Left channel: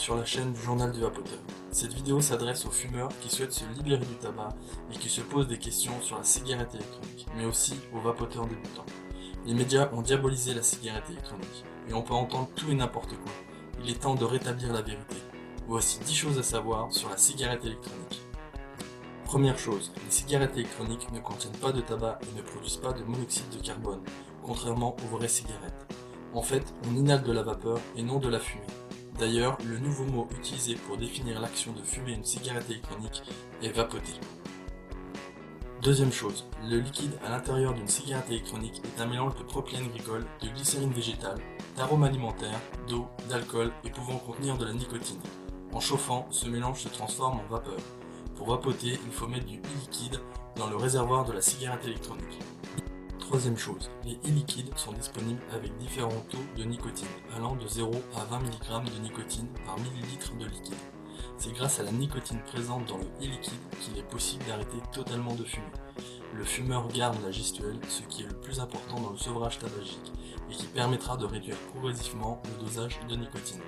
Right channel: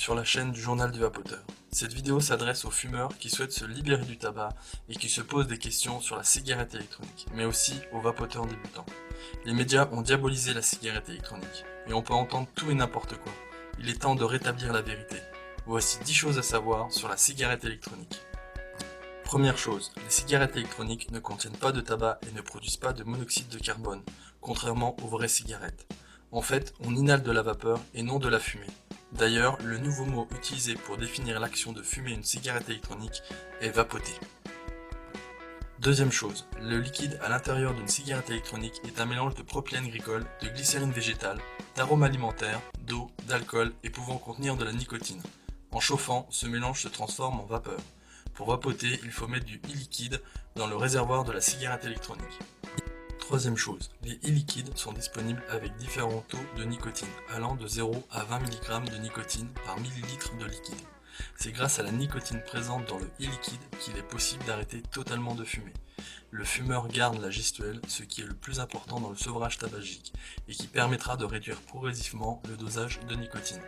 sur la chaîne du Journal du Vapoteur. Cette vidéo s'adresse aux fumeurs qui souhaitent se libérer du tabac et qui se posent des questions sur la cigarette électronique, mais aussi aux vapoteurs débutants. Les médias ont diabolisé la cigarette électronique, et on peut entendre tout et n'importe quoi. Il est temps de rétablir la vérité. Voici 10 choses à savoir sur la cigarette électronique. Première chose, les cigarettes électroniques ne contiennent pas de tabac et ne produisent pas de monoxyde de carbone, contrairement aux vraies cigarettes. En fait, on inhale de la vapeur et non de la fumée. D'ailleurs, le nouveau mot utilisé pour définir l'action de fumer une cigarette électronique est vapoter. Deuxième chose, le liquide à l'intérieur d'une cigarette électronique est un mélange de propylène glycol, de glycérine végétale, d'arômes alimentaires, d'eau, d'alcool et pouvant contenir de la nicotine. En chauffant, ce mélange se transforme en vapeur. Pour vapoter, il faut mettre du e-liquide dans le réservoir de la cigarette électronique. Troisième chose, les e-liquides sont disponibles avec différents taux de nicotine, allant de 0 à 20 mg de nicotine par millilitre de liquide. C'est grâce à la nicotine présente dans le e-liquide qu'il est possible d'arrêter totalement de fumer. Le fumeur garde la gestuelle, ce qui est le plus important dans le sevrage tabagique, et qui permettra de réduire progressivement le dosage de nicotine.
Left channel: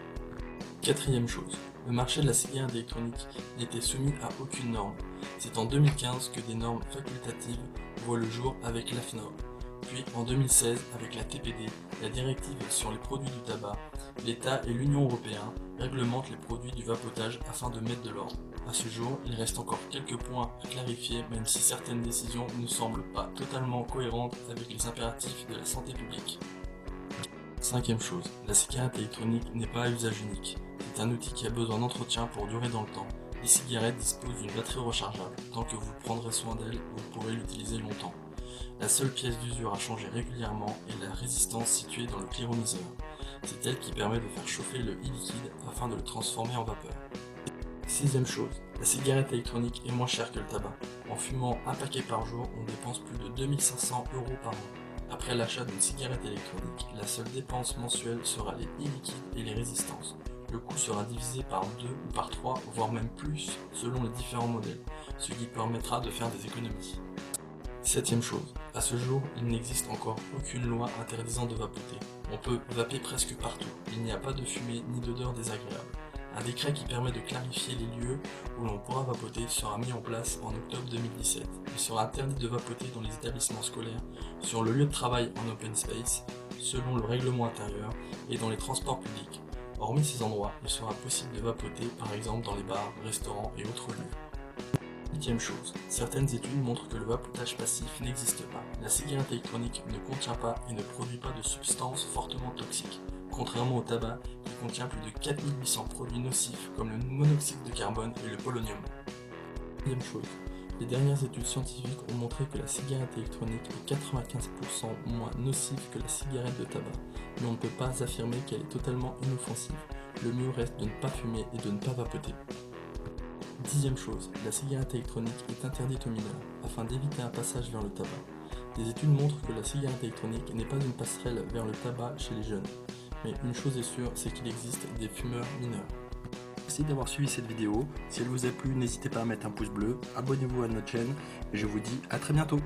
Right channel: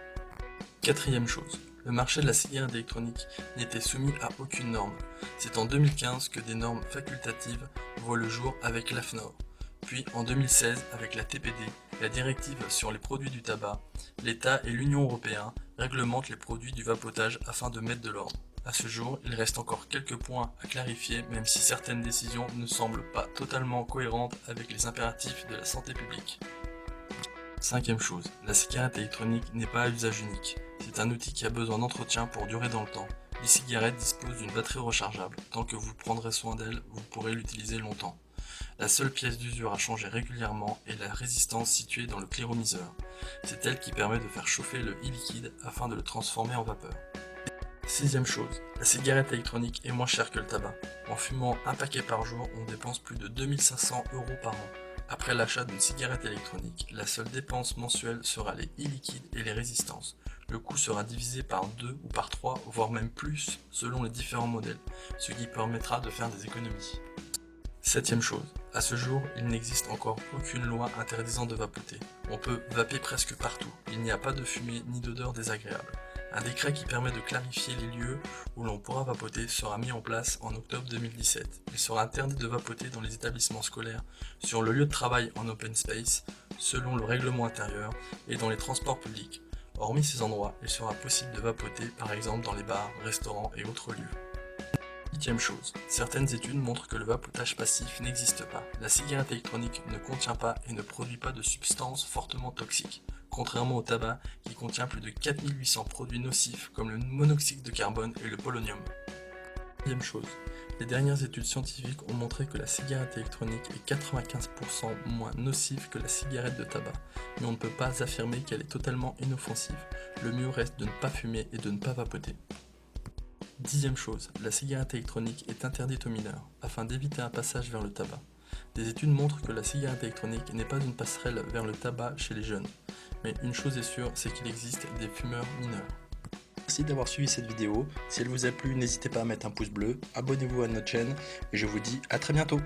Quatrième chose, le marché de la cigarette électronique n'était soumis à aucune norme. C'est en 2015 que des normes facultatives voient le jour avec l'AFNOR. Puis en 2016, avec la TPD, la directive sur les produits du tabac, l'État et l'Union européenne réglementent les produits du vapotage afin de mettre de l'ordre. À ce jour, il reste encore quelques points à clarifier, même si certaines décisions ne semblent pas totalement cohérentes avec les impératifs de la santé publique. Cinquième chose, la cigarette électronique n'est pas à usage unique. C'est un outil qui a besoin d'entretien pour durer dans le temps. Les cigarettes disposent d'une batterie rechargeable. Tant que vous prendrez soin d'elle, vous pourrez l'utiliser longtemps. La seule pièce d'usure à changer régulièrement est la résistance située dans le cliromiseur. C'est elle qui permet de faire chauffer le e-liquide afin de le transformer en vapeur. Sixième chose, la cigarette électronique est moins chère que le tabac. En fumant un paquet par jour, on dépense plus de 2500 € par an. Après l'achat d'une cigarette électronique, la seule dépense mensuelle sera les e-liquides et les résistances. Le coût sera divisé par 2 ou par 3, voire même plus, selon les différents modèles, ce qui permettra de faire des économies. Septième chose, à ce jour, il n'existe encore aucune loi interdisant de vapoter. On peut vaper presque partout, il n'y a pas de fumée ni d'odeur désagréable. Un décret qui permet de clarifier les lieux où l'on pourra vapoter sera mis en place en octobre 2017. Il sera interdit de vapoter dans les établissements scolaires, sur le lieu de travail en open space, selon le règlement intérieur, et dans les transports publics. Hormis ces endroits, il sera possible de vapoter par exemple dans les bars, restaurants et autres lieux. Huitième chose, certaines études montrent que le vapotage passif n'existe pas. La cigarette électronique ne contient pas et ne produit pas de substances fortement toxiques, contrairement au tabac qui contient plus de 4800 produits nocifs comme le monoxyde de carbone et le polonium. Deuxième chose, les dernières études scientifiques ont montré que la cigarette électronique est 95% moins nocive que la cigarette de tabac, mais on ne peut pas affirmer qu'elle est totalement inoffensive. Le mieux reste de ne pas fumer et de ne pas vapoter. Dixième chose, la cigarette électronique est interdite aux mineurs, afin d'éviter un passage vers le tabac. Des études montrent que la cigarette électronique n'est pas une passerelle vers le tabac chez les jeunes. Mais une chose est sûre, c'est qu'il existe des fumeurs mineurs. Merci d'avoir suivi cette vidéo. Si elle vous a plu, n'hésitez pas à mettre un pouce bleu, abonnez-vous à notre chaîne et je vous dis à très bientôt.